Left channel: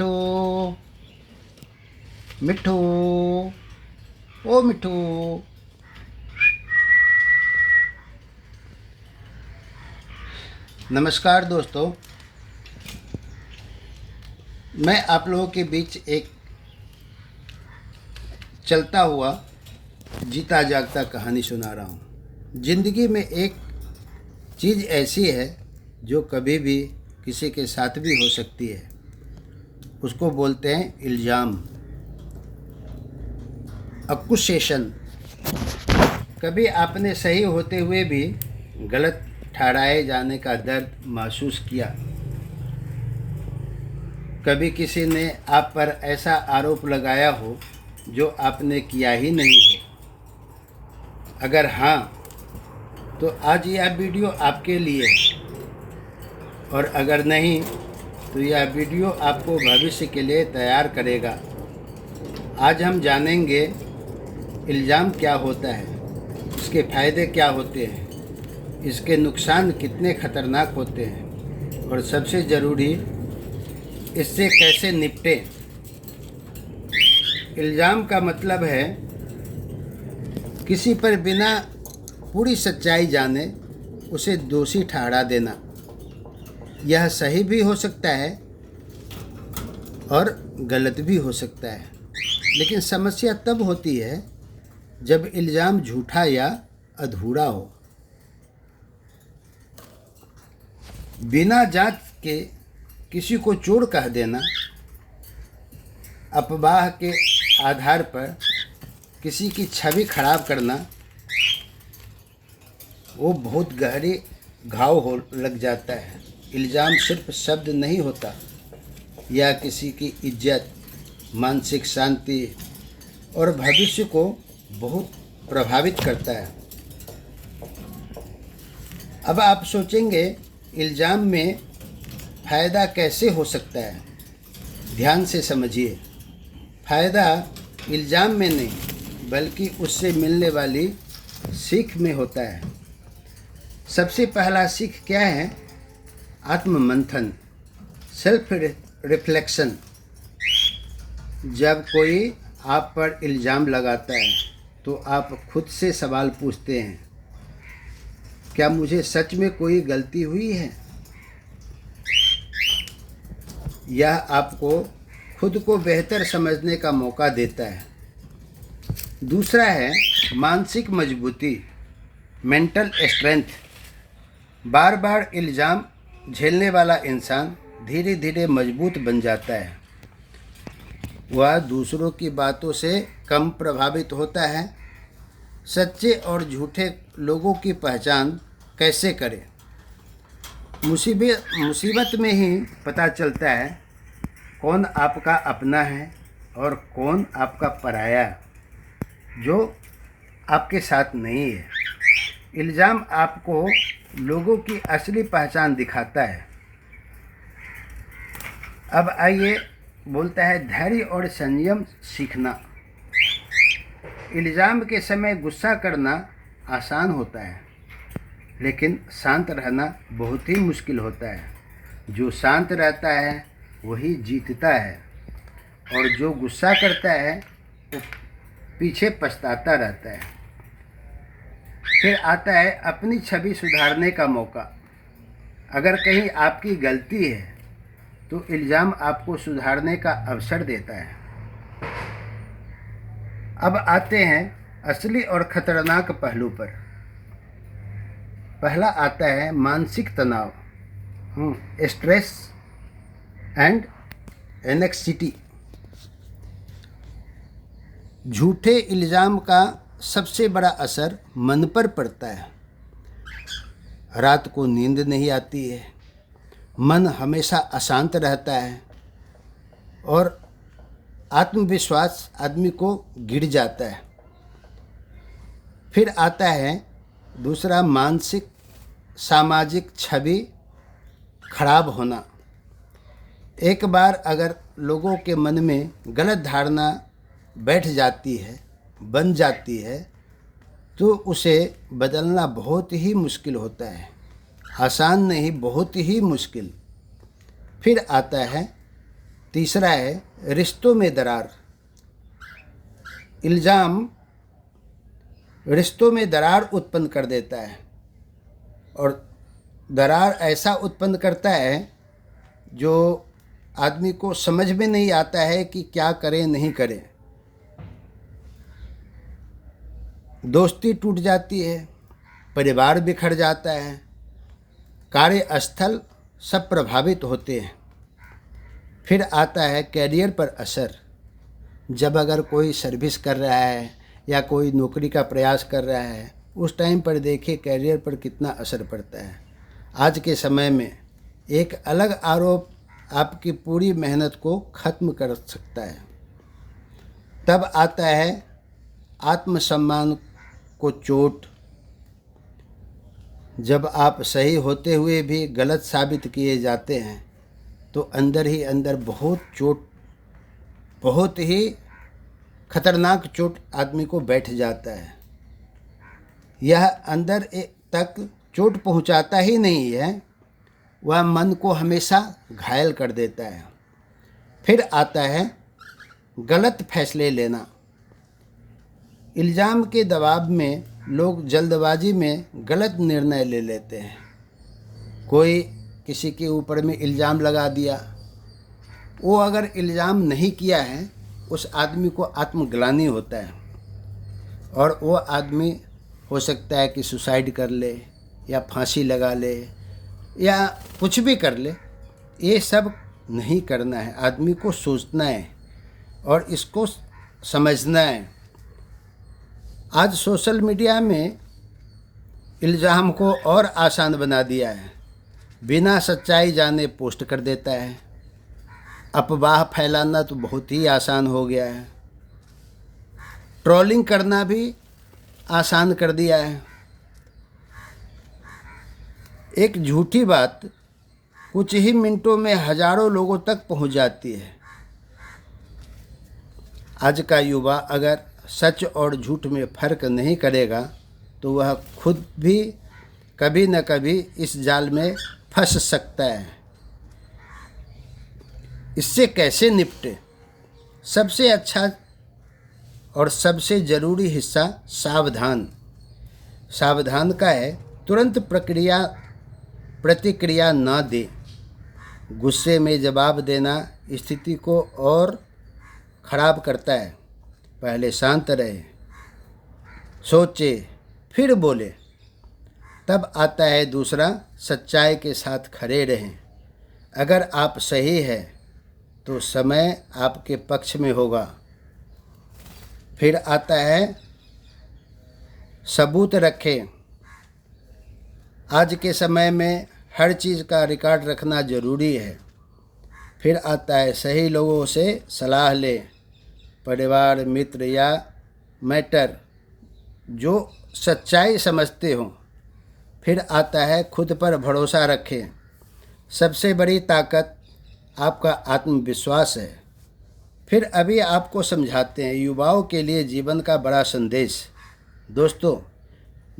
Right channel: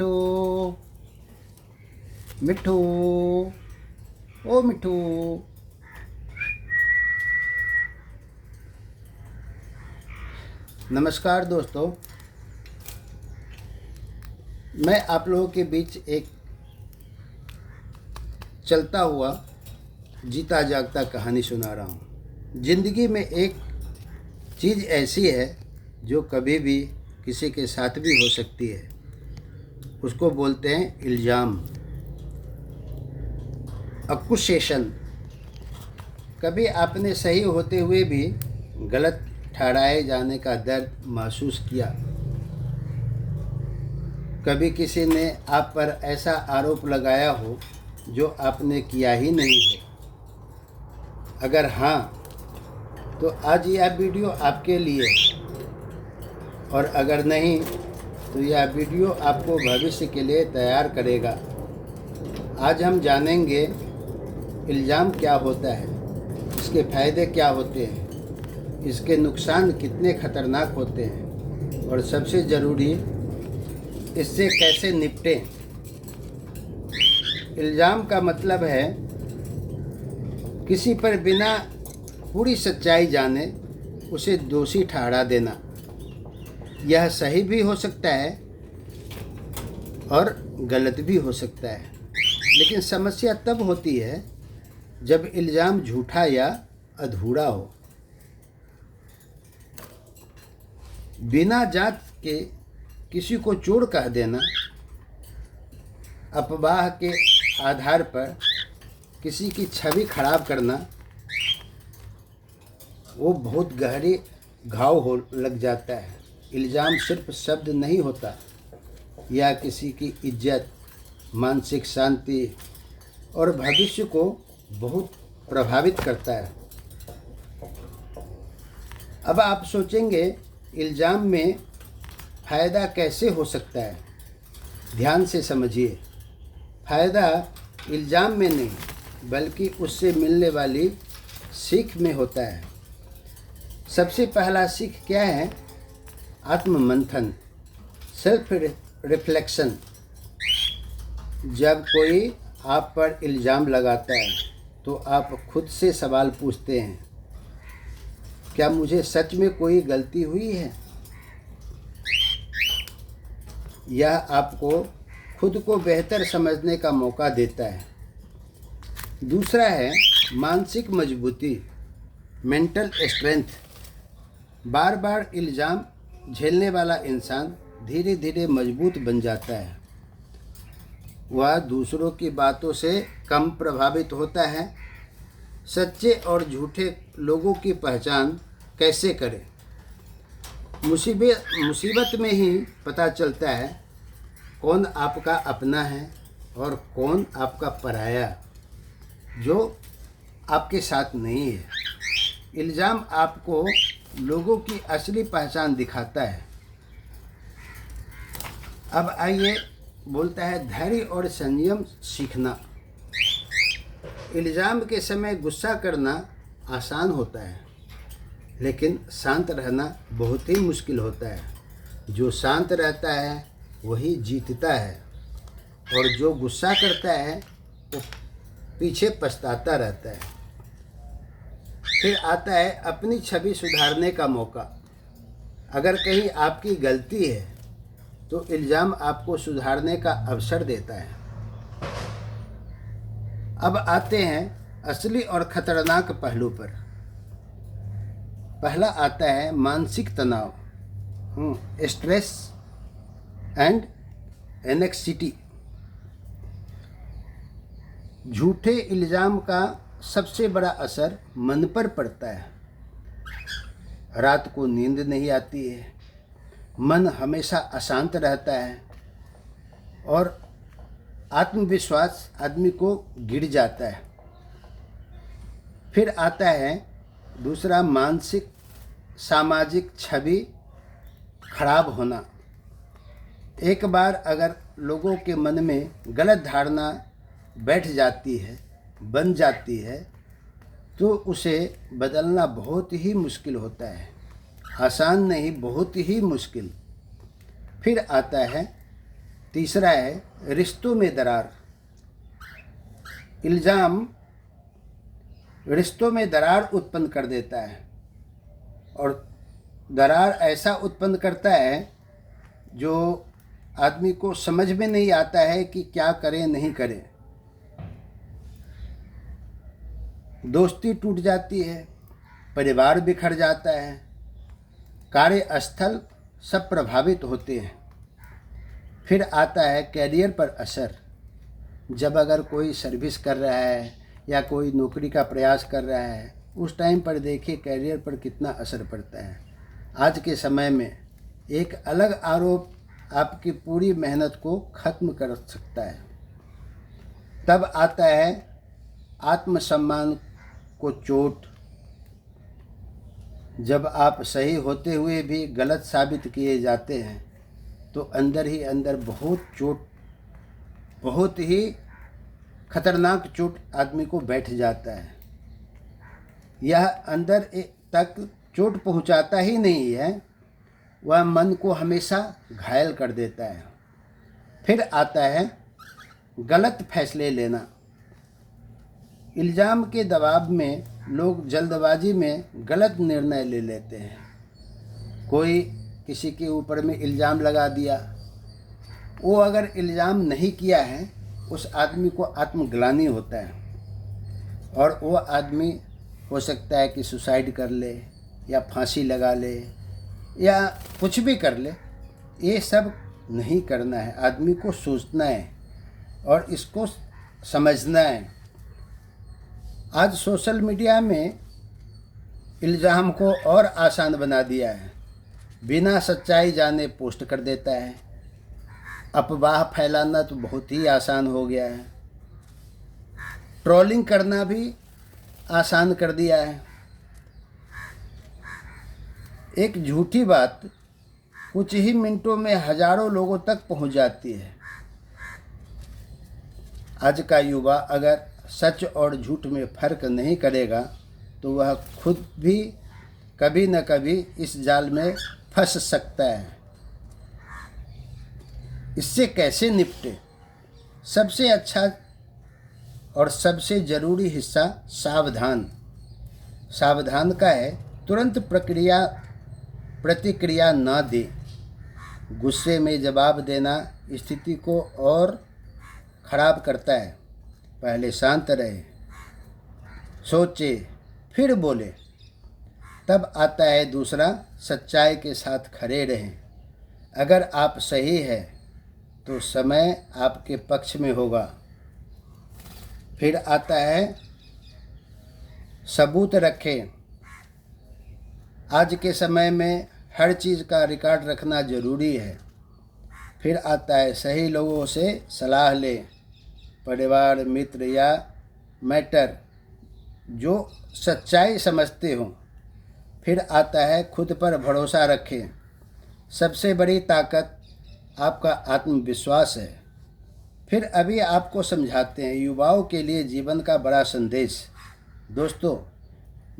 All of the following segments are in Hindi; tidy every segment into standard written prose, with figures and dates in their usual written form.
मिठू मिठू, ओ मिठू। नमस्कार दोस्तों, मैं आप लोगों के बीच एक चलता हुआ जीता जागता कहानी सुना रहा हूँ। ज़िंदगी में एक चीज़ ऐसी है जो कभी भी किसी के साथ भी हो सकती है। उसको बोलते हैं इल्ज़ाम, अक्यूसेशन। कभी आपने सही होते हुए भी गलत ठहराए जाने का दर्द महसूस किया? कभी किसी ने आप पर ऐसा आरोप लगाया हो जो आपने किया ही नहीं है? अगर हाँ, तो आज यह वीडियो आपके लिए है, और अगर नहीं तो यह वीडियो आपको भविष्य के लिए तैयार करेगा। आज हम जानेंगे इल्ज़ाम क्या होता है, इसके फ़ायदे क्या होते हैं, इसके नुकसान कितने खतरनाक होते हैं, और सबसे ज़रूरी, इससे कैसे निपटें। इल्ज़ाम का मतलब है किसी पर बिना पूरी सच्चाई जाने उसे दोषी ठहरा देना। यह सही भी हो सकता है और गलत भी हो सकता है, लेकिन समस्या तब होती है जब इल्ज़ाम झूठा या अधूरा हो। बिना जांच के किसी को चोर कह देना, अफवाह के आधार पर किसी की छवि खराब करना, वो बहुत गहरी घाव हो लग जाता है। इल्ज़ाम सिर्फ शब्द नहीं होता, यह किसी की इज्जत, मानसिक शांति और भविष्य को बहुत प्रभावित करता है। अब आप सोचेंगे, इल्ज़ाम में फ़ायदा कैसे हो सकता है? ध्यान से समझिए। फ़ायदा इल्ज़ाम में नहीं, बल्कि उससे मिलने वाली सीख में होता है। सबसे पहला सीख क्या है? आत्ममंथन, सेल्फ रिफ्लेक्शन। जब कोई आप पर इल्ज़ाम लगाता है तो आप खुद से सवाल पूछते हैं, क्या मुझे सच में कोई गलती हुई है? यह आपको खुद को बेहतर समझने का मौका देता है। दूसरा है मानसिक मजबूती, मेंटल स्ट्रेंथ। बार बार इल्ज़ाम झेलने वाला इंसान धीरे धीरे मजबूत बन जाता है। वह दूसरों की बातों से कम प्रभावित होता है। सच्चे और झूठे लोगों की पहचान कैसे करें? मुसीबत में ही पता चलता है कौन आपका अपना है और कौन आपका पराया, जो आपके साथ नहीं है। इल्ज़ाम आपको लोगों की असली पहचान दिखाता है। अब आइए, बोलता है धैर्य और संयम सीखना। इल्ज़ाम के समय गुस्सा करना आसान होता है, लेकिन शांत रहना बहुत ही मुश्किल होता है। जो शांत रहता है वही जीतता है, और जो गुस्सा करता है वो पीछे पछताता रहता है। फिर आता है अपनी छवि सुधारने का मौका। अगर कहीं आपकी गलती है तो इल्ज़ाम आपको सुधारने का अवसर देता है। अब आते हैं असली और ख़तरनाक पहलू पर। पहला आता है मानसिक तनाव, स्ट्रेस एंड एनेक्सिटी। झूठे इल्ज़ाम का सबसे बड़ा असर मन पर पड़ता है। रात को नींद नहीं आती है, मन हमेशा अशांत रहता है, और आत्मविश्वास आदमी को गिर जाता है। फिर आता है दूसरा, मानसिक सामाजिक छवि खराब होना। एक बार अगर लोगों के मन में गलत धारणा बैठ जाती है, बन जाती है, तो उसे बदलना बहुत ही मुश्किल होता है। आसान नहीं, बहुत ही मुश्किल। फिर आता है तीसरा है रिश्तों में दरार। इल्ज़ाम रिश्तों में दरार उत्पन्न कर देता है, और दरार ऐसा उत्पन्न करता है जो आदमी को समझ में नहीं आता है कि क्या करें नहीं करें। दोस्ती टूट जाती है, परिवार बिखर जाता है, कार्यस्थल सब प्रभावित होते हैं। फिर आता है कैरियर पर असर। जब अगर कोई सर्विस कर रहा है या कोई नौकरी का प्रयास कर रहा है, उस टाइम पर देखिए कैरियर पर कितना असर पड़ता है। आज के समय में एक अलग आरोप आपकी पूरी मेहनत को ख़त्म कर सकता है। तब आता है आत्मसम्मान को चोट। जब आप सही होते हुए भी गलत साबित किए जाते हैं तो अंदर ही अंदर बहुत ही खतरनाक चोट आदमी को बैठ जाता है। यह अंदर तक चोट पहुंचाता ही नहीं है, वह मन को हमेशा घायल कर देता है। फिर आता है गलत फैसले लेना। इल्ज़ाम के दबाव में लोग जल्दबाजी में गलत निर्णय ले लेते हैं। कोई किसी के ऊपर में इल्ज़ाम लगा दिया, वो अगर इल्ज़ाम नहीं किया है उस आदमी को आत्मग्लानि होता है, और वो आदमी हो सकता है कि सुसाइड कर ले या फांसी लगा ले या कुछ भी कर ले। ये सब नहीं करना है, आदमी को सोचना है और इसको समझना है। आज सोशल मीडिया में इल्ज़ाम को और आसान बना दिया है। बिना सच्चाई जाने पोस्ट कर देता है। अफवाह फैलाना तो बहुत ही आसान हो गया है। ट्रोलिंग करना भी आसान कर दिया है। एक झूठी बात कुछ ही मिनटों में हजारों लोगों तक पहुंच जाती है। आज का युवा अगर सच और झूठ में फ़र्क नहीं करेगा तो वह खुद भी कभी न कभी इस जाल में फंस सकता है। इससे कैसे निपटे? सबसे अच्छा और सबसे ज़रूरी हिस्सा सावधान। सावधान का है तुरंत प्रतिक्रिया न दे। गुस्से में जवाब देना स्थिति को और ख़राब करता है। पहले शांत रहे, सोचे, फिर बोले। तब आता है दूसरा, सच्चाई के साथ खड़े रहें। अगर आप सही है तो समय आपके पक्ष में होगा। फिर आता है सबूत रखें। आज के समय में हर चीज़ का रिकॉर्ड रखना ज़रूरी है। फिर आता है सही लोगों से सलाह ले, परिवार, मित्र या मेंटर जो सच्चाई समझते हों। फिर आता है खुद पर भरोसा रखें। सबसे बड़ी ताकत आपका आत्मविश्वास है। फिर अभी आपको समझाते हैं युवाओं के लिए जीवन का बड़ा संदेश। दोस्तों,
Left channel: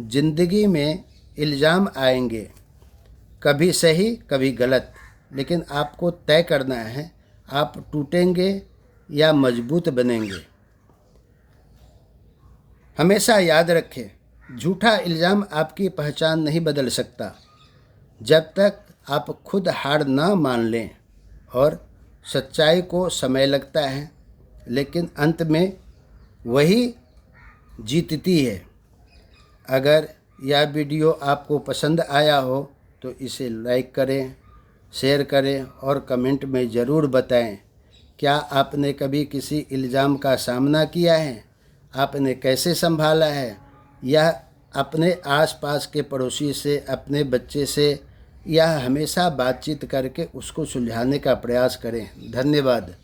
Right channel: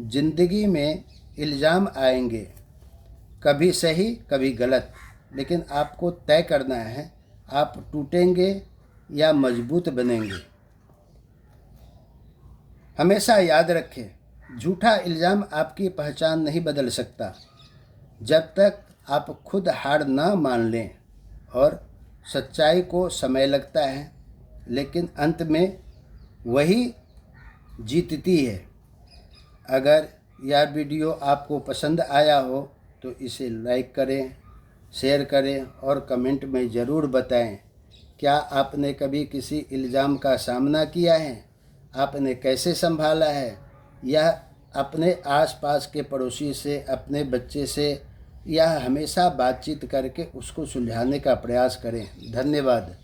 जिंदगी में इल्ज़ाम आएंगे, कभी सही कभी गलत, लेकिन आपको तय करना है आप टूटेंगे या मजबूत बनेंगे। हमेशा याद रखें, झूठा इल्ज़ाम आपकी पहचान नहीं बदल सकता जब तक आप खुद हार ना मान लें। और सच्चाई को समय लगता है, लेकिन अंत में वही जीतती है। अगर यह वीडियो आपको पसंद आया हो तो इसे लाइक करें, शेयर करें और कमेंट में ज़रूर बताएं। क्या आपने कभी किसी इल्ज़ाम का सामना किया है? आपने कैसे संभाला है? यह अपने आसपास के पड़ोसी से, अपने बच्चे से या हमेशा बातचीत करके उसको सुलझाने का प्रयास करें। धन्यवाद।